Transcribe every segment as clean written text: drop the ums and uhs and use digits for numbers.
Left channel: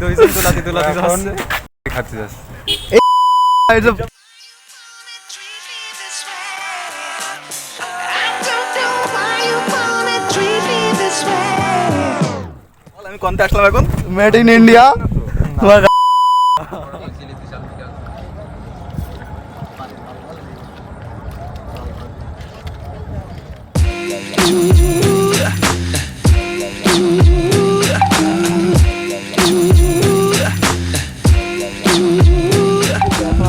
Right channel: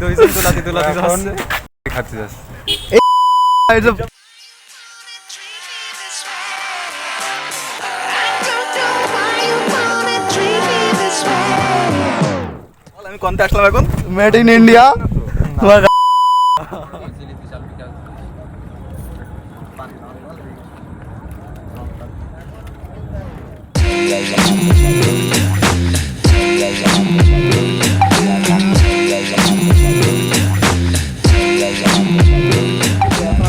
দুইজন তুলাতে যাচ্ছে খাতে যাচ্ছে আমি কোনটা আসলাম এখন মেড ইন ইন্ডিয়া।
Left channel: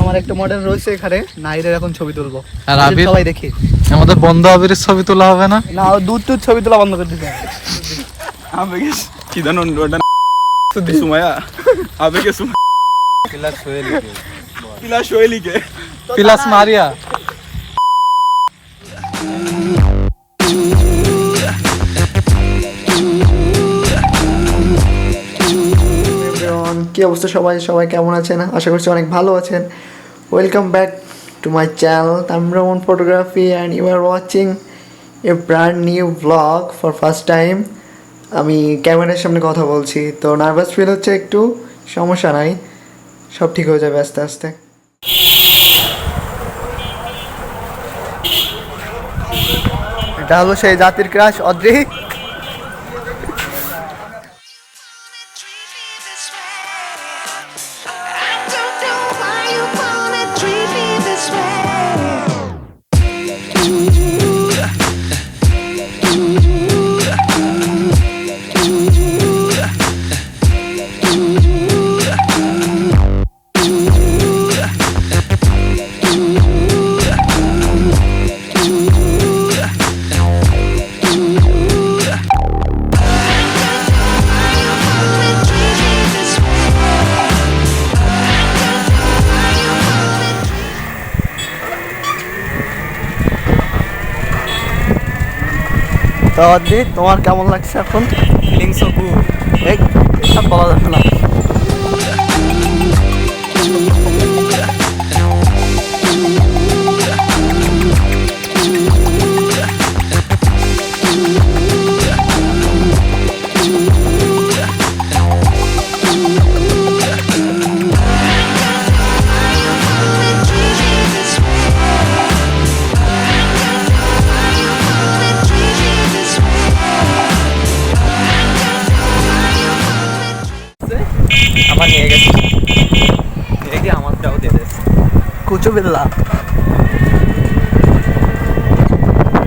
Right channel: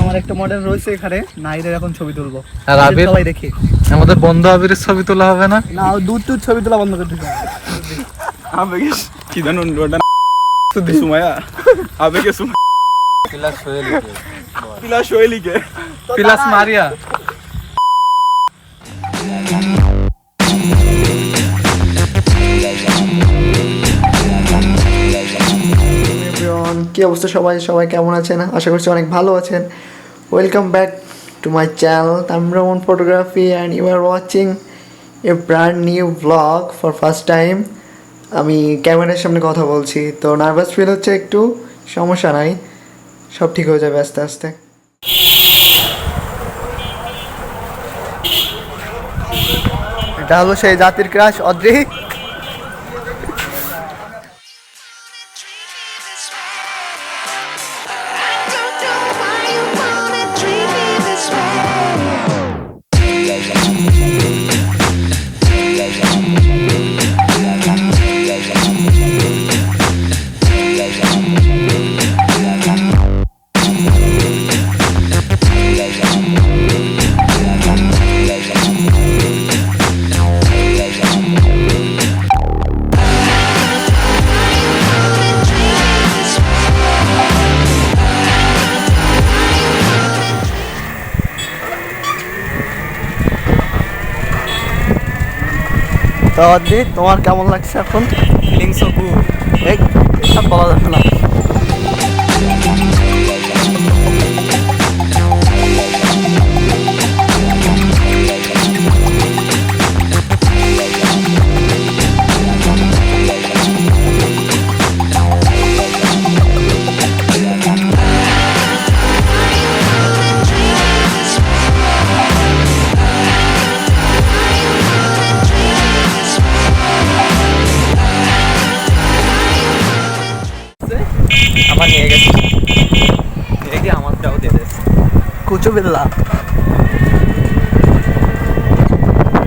আমার একটা মডেল রয়েছে এখানে, নাইরের এখন ছবি তুলবো। আর আবির সবাই দেখি আমাদের বন্ধু আবিরের ছবি তোলা হবে না? না, দূর ছবি তোলা বন্ধ করে দিতে হবে। আবেগে কি জানো ওটা সুমায়া আবেগে সুমায়া পিলা শৈলীকে পিলাস মারিয়া। কি অবস্থা সবাই কেমন আছেন? আশা করছি অনেক ভালো আছেন। Welcome back to my channel তামরামন photography and you are watching a brand new blog for first time. আমি ক্যামেরার সামনে কথা বলছি, তো নার্ভাস ফিল হচ্ছে একটু, সমস্যা নাই, সব ঠিক হয়ে যাবে আস্তে আস্তে। এটা হলো সেই জাতির ক্রাশ অদ্রি। তো অদ্রি, তোমার কেমন লাগছে এখন? Feeling so good. এই সব বলা যাবে না। আমার নিয়ে গেছে নিয়ে গিয়ে আমারটাও দিয়ে দিয়েছে কুচু বিল্লা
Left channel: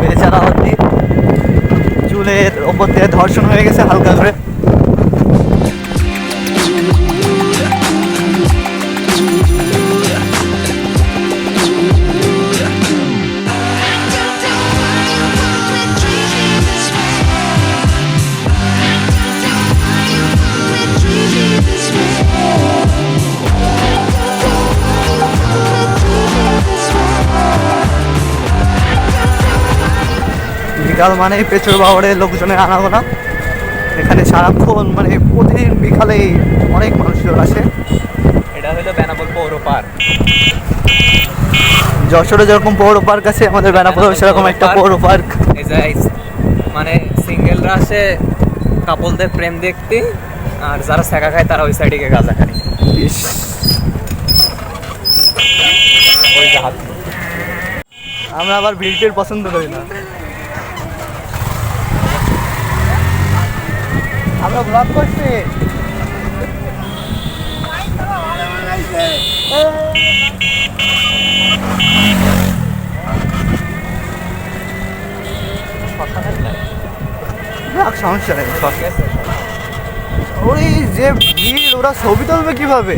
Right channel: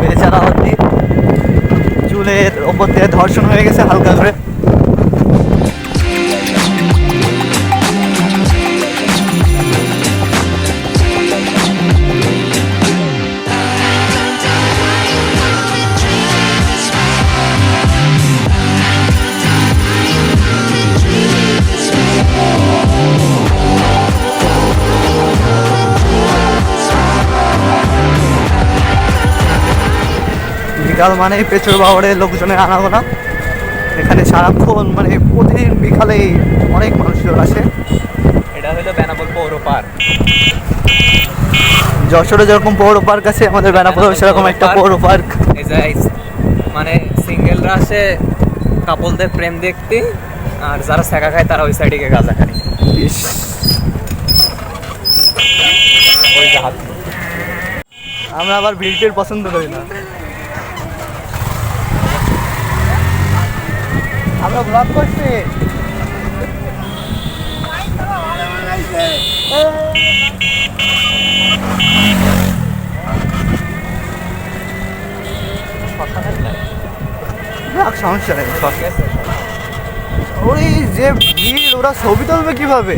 বেচারা অদ্রি, চুলের ওপর দিয়ে ধর্ষণ হয়ে গেছে হালকা করে। বিকাল মানে পেছর বাবরের লোকজনের আনাগোনা এখানে সারাক্ষণ, মানে প্রতিদিন বিকালেই অনেক মানুষজন আসে। এটা হলো বেনাপোল পৌর পার্ক। যশোরে যেরকম পৌর পার্ক আছে, আমাদের বেনাপোলেও সেরকম একটা পৌর পার্ক। মানে সিঙ্গেলরা আসে কাপলদের প্রেম দেখতে, আর যারা সেকা খায় তারা ওই সাইডে গিয়ে গাঁজা খায়। ওই জাহাজ আমরা আবার ভিড় পছন্দ করি না। আমরা ব্লগ করছি। সমস্যা নেই, ওই যে ভিড়, ওরা ছবি তুলবে কিভাবে?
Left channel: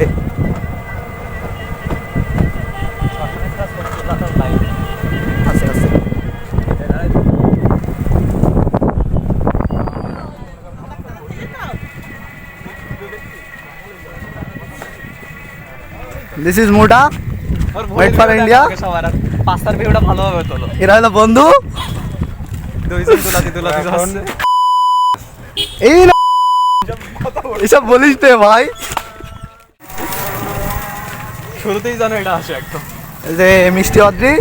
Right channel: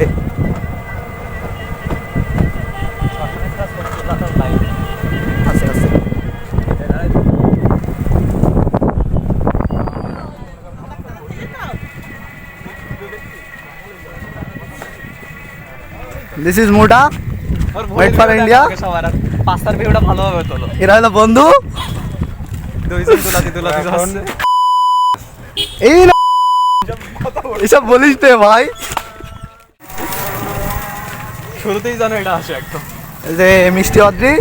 আস্তে আস্তে দিস ইজ মোটা ওয়েট ফর ইন্ডিয়া। পাঁচটার ভিউটা ভালোভাবে তোলো। এরা হলো বন্ধু, দুইজন তুলাতে যাচ্ছে এই না এসব বলিস তে ভাই। শুরুতেই জানো এটা আসে একদম যে মিষ্টি অদ্রি,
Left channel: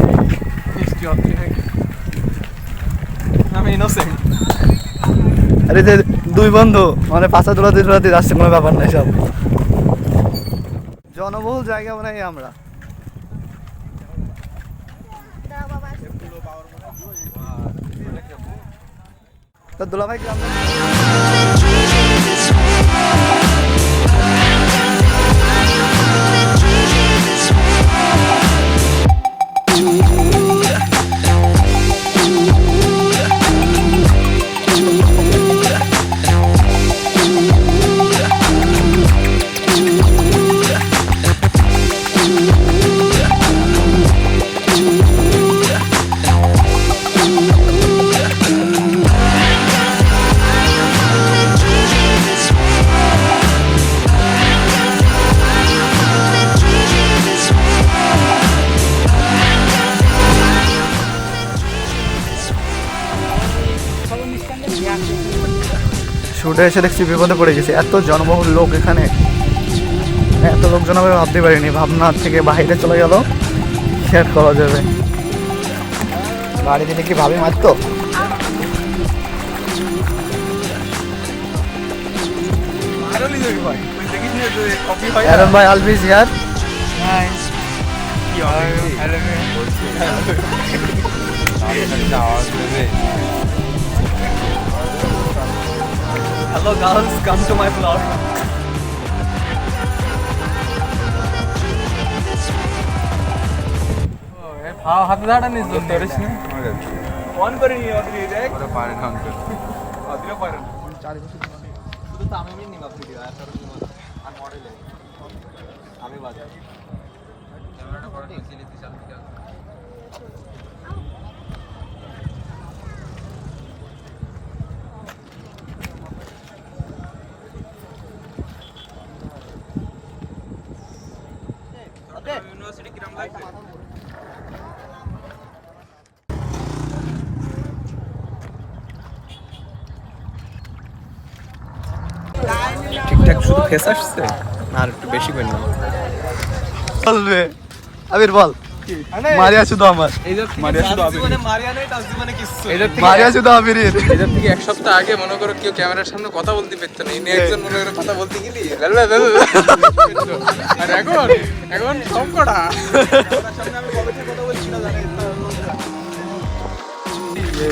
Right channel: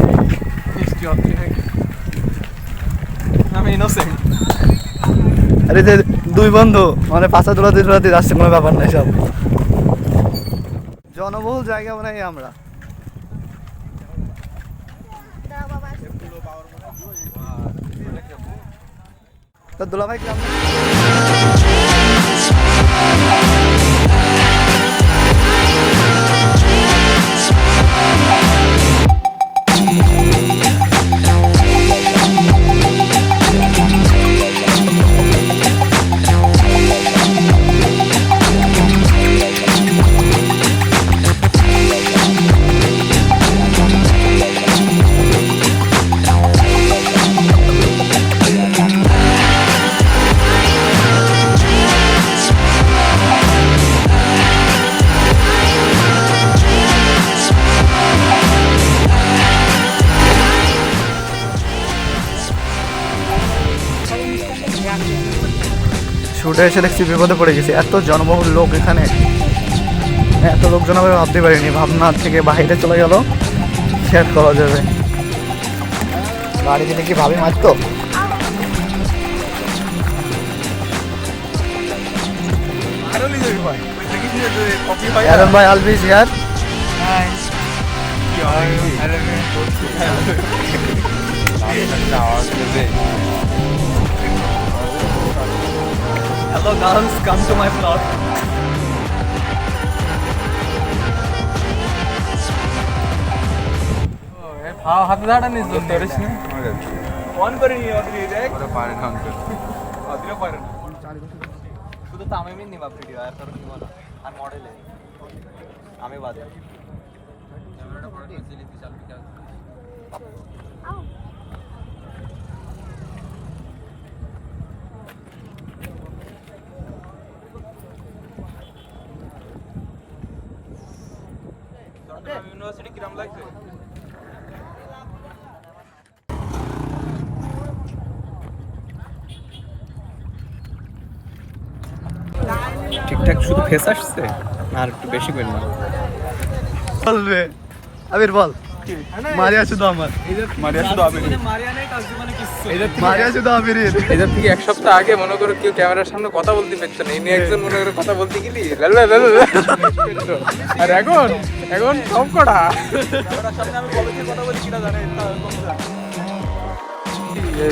মিষ্টি অদ্রি নাকি? আমি ইনোসেন্ট। আরে যে দুই বন্ধু মানে পাশা দোলাতে যাচ্ছে, কোনো ব্যাপার নাই সব। জনবহুল জায়গা মানে আমরা তো দুলাভাই গ্রাম শুটে এসে দেখছি বিপদে পড়ে গেছি, এত জনবহুল লোক এখানে, এত লোকজন আমি ভাবতে পারিনি, ভাবনার থেকে বাইরে চলে গেল, শেয়ার করা যাবে। গাড়ি দিলে কি ভাবি মারতো। Aaron bhai, always here. Hello girls, come to my vlog. হাতে দাঁড়া নিস ধরিস না On করে নিয়ে অদ্রি দেখ ওরা পারে না অদ্রিও পারে না শুধু তো আমি নিলাম ভিডিও আর আর মডেল আমি বাজে ক্যামেরাটা বড় ছিল বিশাল বিকাশ ইউনিভার্সিটি কিরাম লাগছে ঠিকঠাক শুধু ফেস আসছে না আর একটু বেশি করে নাও বলবে আবির বল মারিয়া শুধু আমার মারিয়া শুধু আবির মারিয়া নেই তাও জীবনে কিছু মারিয়া শুধু আবিরের এদের থেকে এক সপ্তাহ আগে মনে করো কে ক্যামেরার সামনে কথা বলতে পারতো না, ইনি একজন মনে করে কথা বলতে গেলি আর এখন এখন সব কটা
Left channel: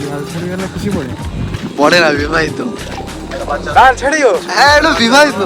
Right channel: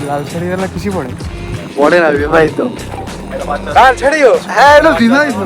লাল শাড়ি গেলে খুশি পড়ে পড়ে না বিবাহিত, হ্যাঁ এটা বিবাহিত।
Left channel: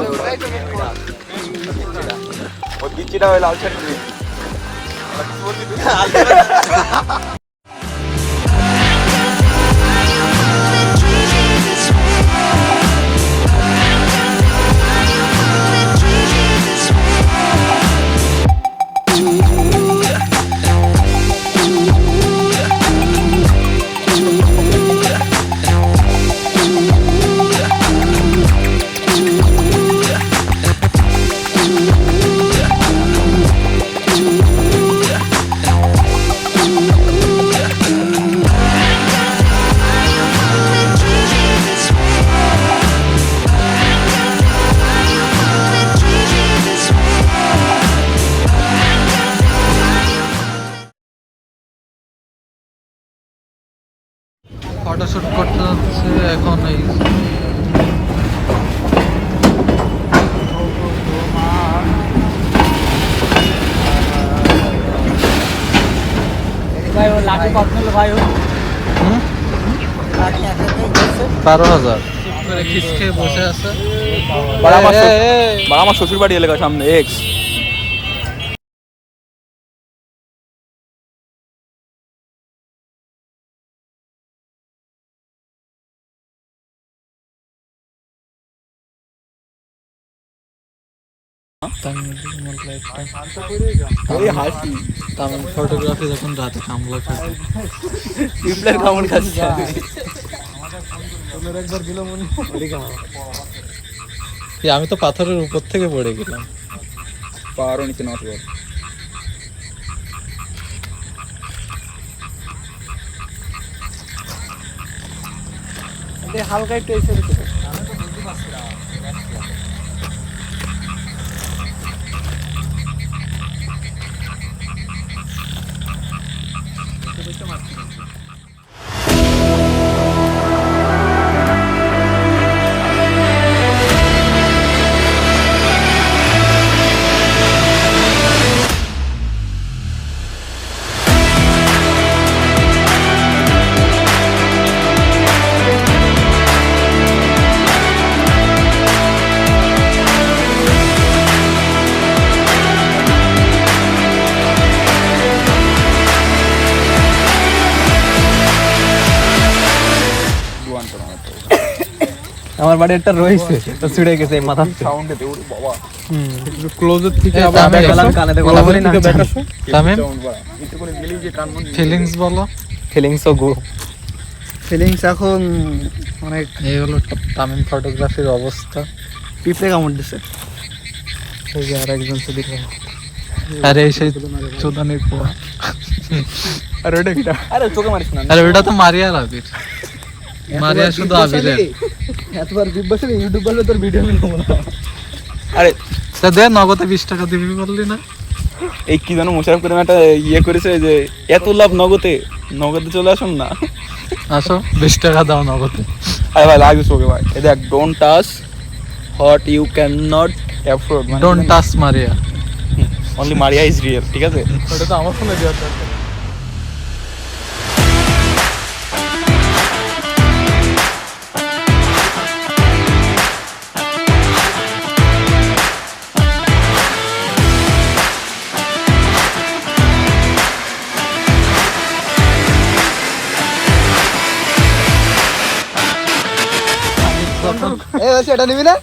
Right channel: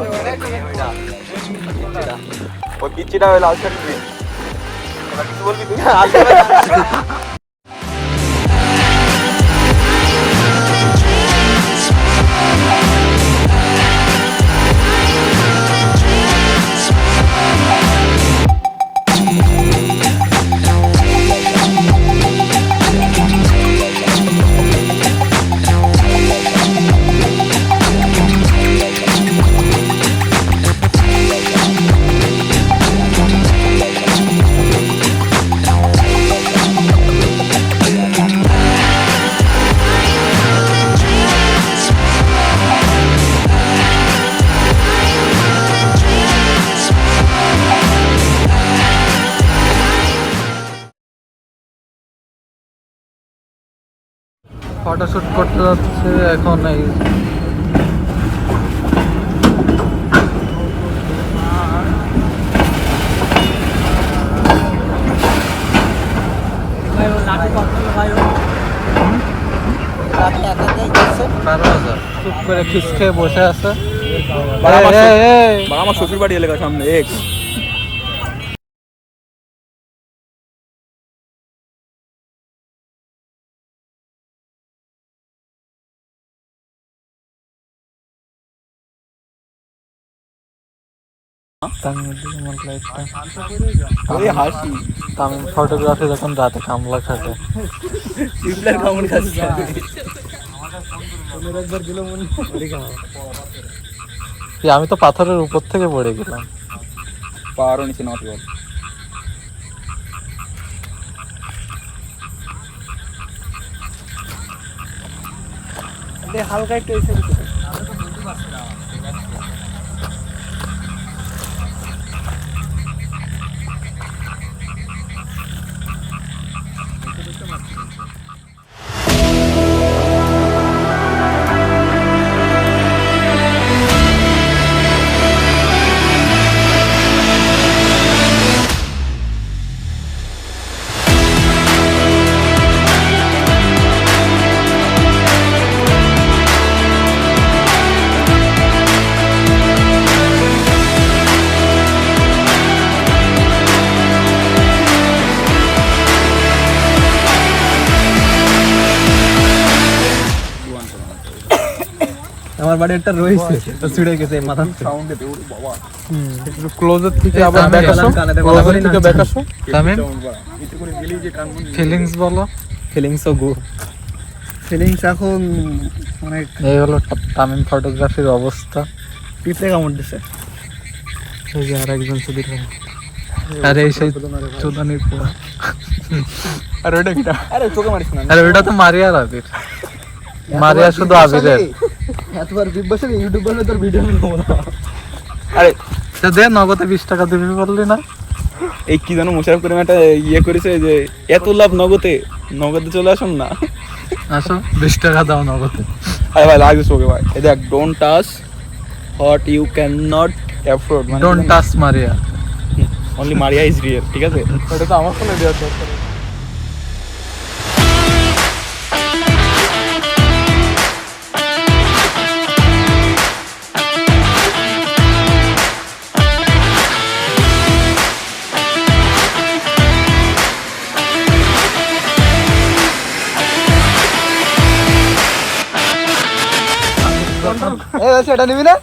ফটোশুট করতে যাচ্ছে এখন এই হুম? 12,000 চুপ করে খিসকে বসে আছে। আমার শ্বশুর বাড়ি এলাকা সামনে এক্স হাসি ফটোগ্রাফি যখন রাতে কামলা খাটে কেমন খাচ্ছে কি আমি তো পাথরের উপর থেকে পড়ে গেলাম, পাহাড়ও নিচে নামতে পারবো হালকা একটু এসে আমার বাড়ি একটা রয়েছে তো ছিড়ে গেছে মাথা সাউন্ডে দৌড় বাবা একটু ক্লোজের থেকে এই আবার তামিম ব্যাক আসো কানে দেখো, কথা বলি না। ব্যাক আসো তামিম এতে করে গেলেই যে কান মন ফিলিংস বলো। ফিলিংস গো ফিলিংস এখন অনেক এই হলো তামিম ফটোগ্রাফির অবস্থা। পিঁপড়ে কামড় দিছে। এই যে আর একজন শুধু আরে এই সেই চোদানির পোয়া। আর ওটা কি আরে চোখে মারিস না আরে ওটা তো মারিয়া রাবির। মারিয়া শুধু আবিরের। এতবার বিগ বসে ইউটিউব বলে তোর ভিডিও বানাবো না। আরে তা দে নগদে 20 টাকা দিবি বললি না? এই কি জানো মোশারফ করিম একটা ইয়ে করেছে যে এত লাভ নগদে চলে আসুন না। আসো 20 টাকা দাও নগদে। আরে ভাই লাগছে চোখে ভাই। এই দেখ don't touch what you can not afford don't touch Maria. Only Maria is real, ঠিক আছে? এটা তো আমার ফোনে দেওয়া তো। সেটা নিবি না?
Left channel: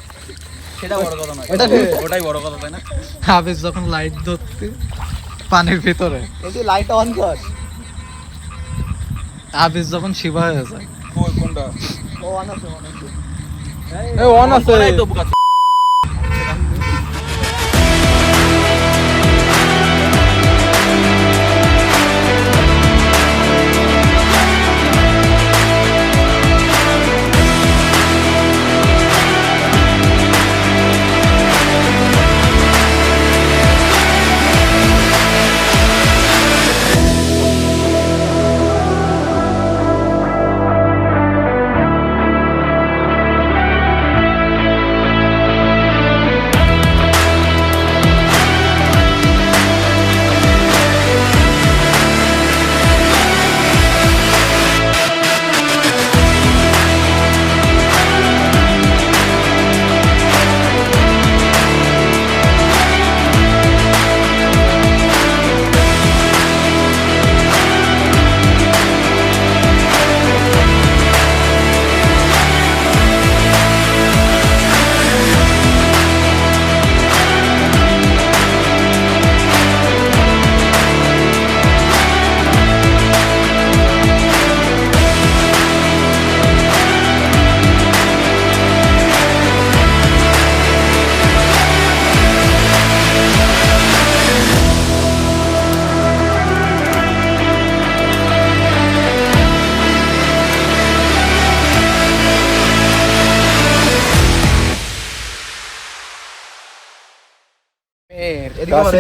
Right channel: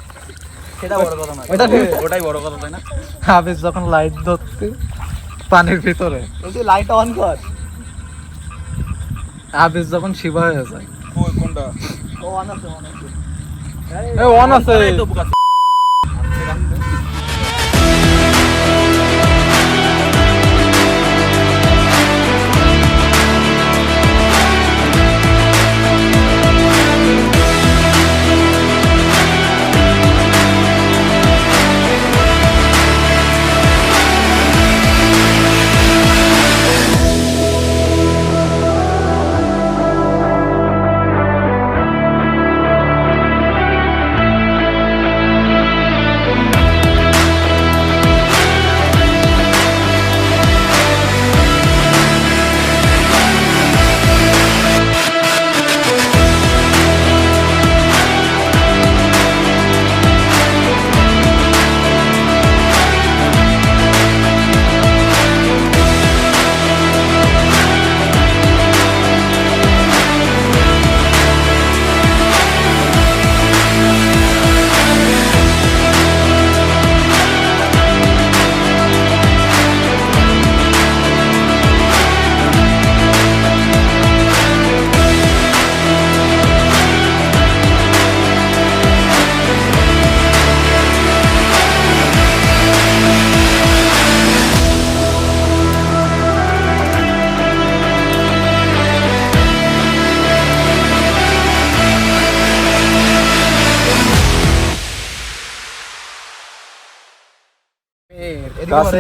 সেটা বড় কথা না, ওটাই বড় কথা, তাই না? হাফিজ যখন লাইট ধরতে পানির ভিতরে, এই যে লাইট অন কর। হাফিজ যখন শিবা হয়ে যায়। কই কোনটা? ও অন আছে। এ অন আছে করাই তো বুকা।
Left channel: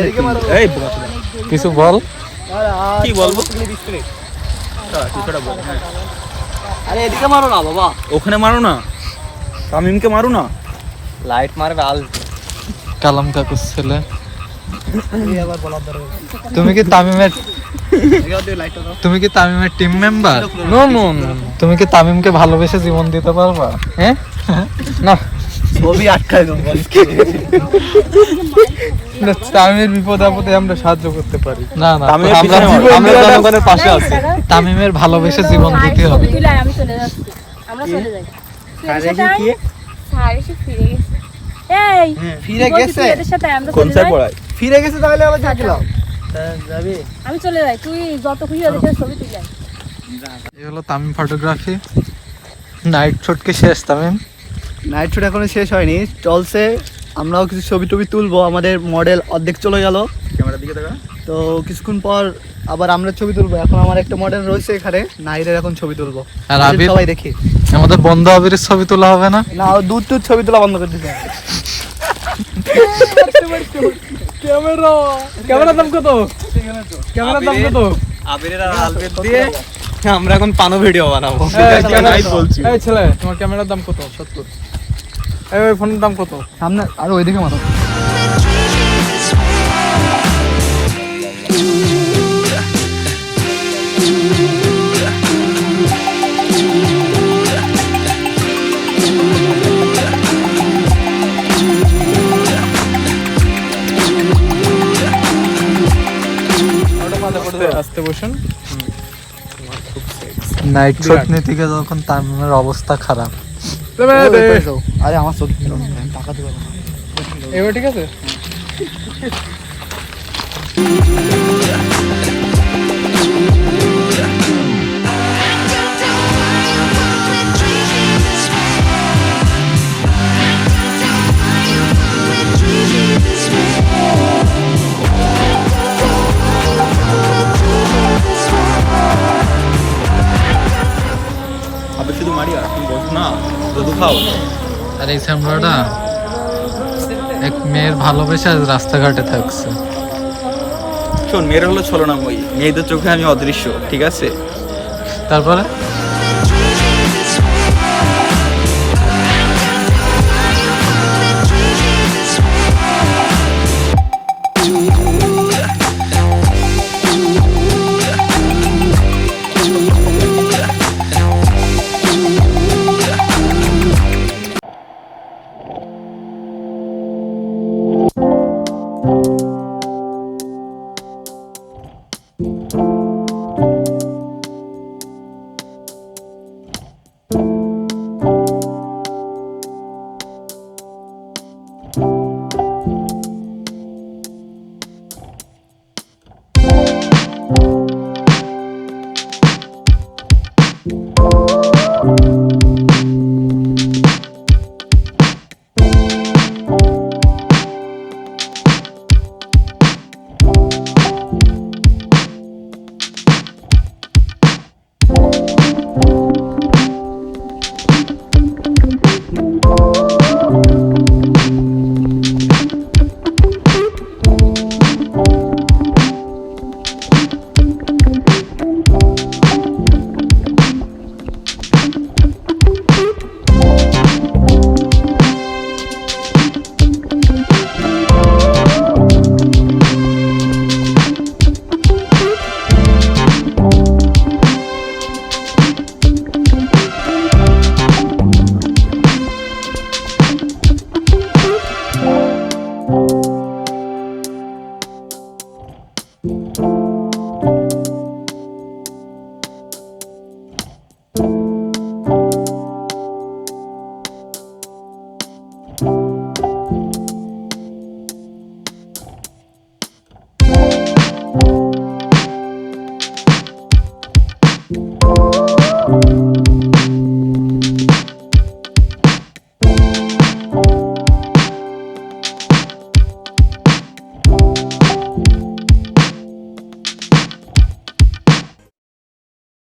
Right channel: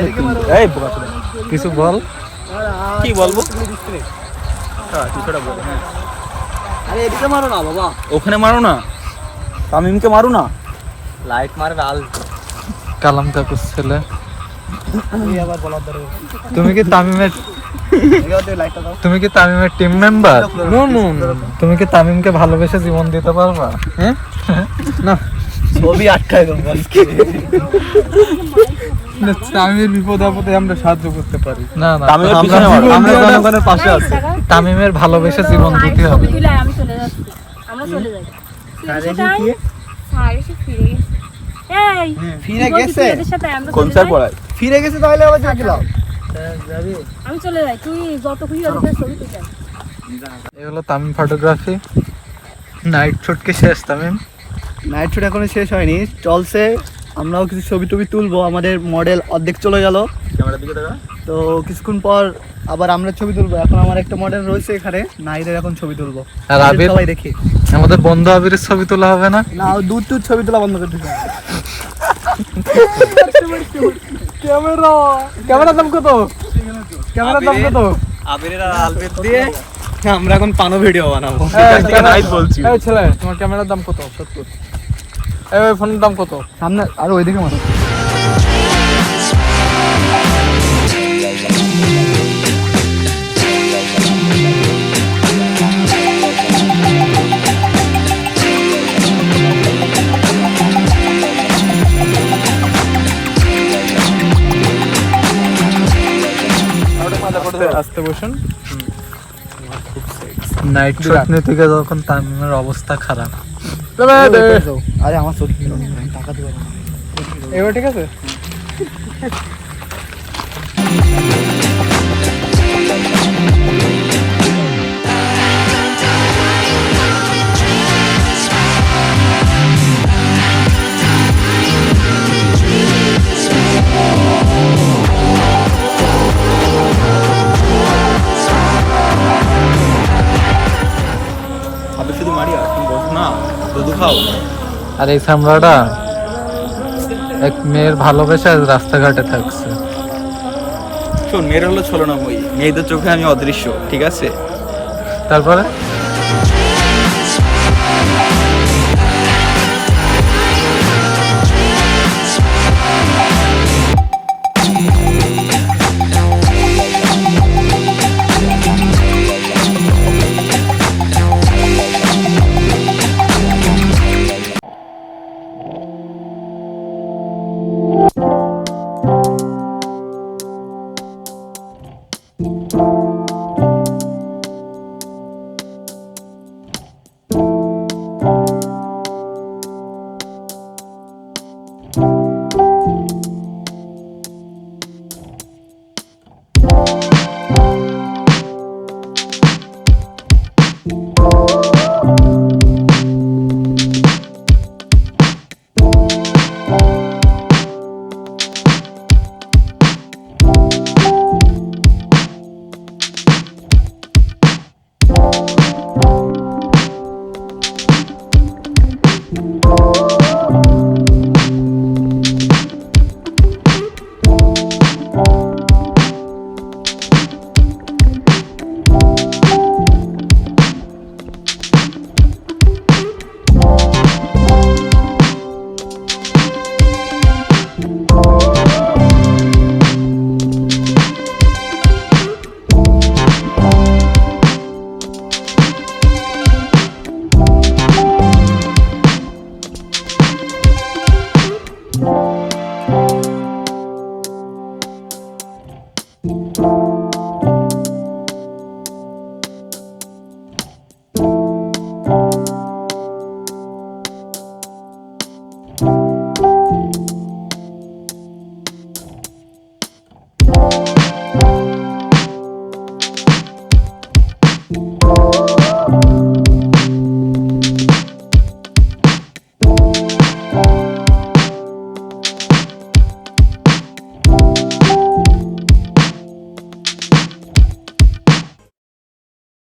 এদিকে মারো। এই বুকা চোদা। কিছু বল। কি বলবো? কিছুটা বলে, হ্যাঁ। আরে এদিকে মারো না বাবা। ওখানে মারো না, তামিমকে মারো না। লাইট মারবে আল। কালাম কাকুর ছেলে। এই আবার বলার দরকার। তুমি কি তামিমের এদিকে দিয়ে লাইটটা দাও। তুমি কি তামিমের team member? No no no. তুমি কি তামিমকে ভালোবেসে জীবন দিতে পারবা? হ্যাঁ না, ছবি আটকায় দাও বসকে। তামিমের বিপদ আপদে আমরা সাহায্য করতে পারি। না না, তামিমের আমরা পিছনে জীবন আমরা দেওয়াটা- জনগণের পাশে আছি। তামিমের ভালোবেসে জীবন দিতে হবে। আমি চলে যাচ্ছি, আমরা চলে যাই। আরে কি? স্যার এসে ফিরে গেছে। এই ফিরে গেছে? তোদের সাথে আমরা কোন চলে স্যার যাই। পড়ায়? ফিরে গেছে তাহলে আবার যা গেলাম। যাবি? আমি চলে যাই, তুই যত খুশি ওদের ছবি তুলে আয়। এই হলো তামিম ফটোগ্রাফি। নাইট শুট কি শেষ তামিম? নাইট শুট এখনো শেষ হয়নি, চলছে। আমরাও কিছু ছবি টবি তুলবো, আমাদের মডেল অর্ধেক চলে গেল, ক্যামেরার দিকে দেখা। তো কিছুক্ষণ পর আবার আমরা ছবি তুলবো। এখন আমার একটা মডেল রয়েছে এখানে, নাইরের এখন ছবি তুলবো। আর আবির? সবাই দেখি আমাদের বন্ধু আবিরের ছবি তোলা হবে না? না, ও দূর দূর ছবি তোলা বন্ধ করে দিতে হবে। ক্যামেরার দাম কত? ক্যামেরার দাম কত? আবিরের আর আলবের দিয়ে আমরা এখন পানো ভিডিও বানাবো। এই ছেলে, তোমার ক্যামেরার দাম কত? 70। এই ফোনের দাম কত? সামনে আর ওইদিকে মারো। আস্তে বসুন। নাইট শুট নিতে গিয়ে যখন তামিমের অবস্থা খারাপ, আরে আমার চোখ টাকা দিবা না এবার ঠিক আছে আপনি শুধু মারি আর তুমি বসো না দুধু খাও। আর এই সামরাটা এক মেয়ের ভালোবেসে রাস্তাঘাটে থাকছে। শোন, মেয়েরা হলো ছলনাময়ী, মেয়েদের চোখে আমি অদৃশ্য, ঠিক আছে? তারপরে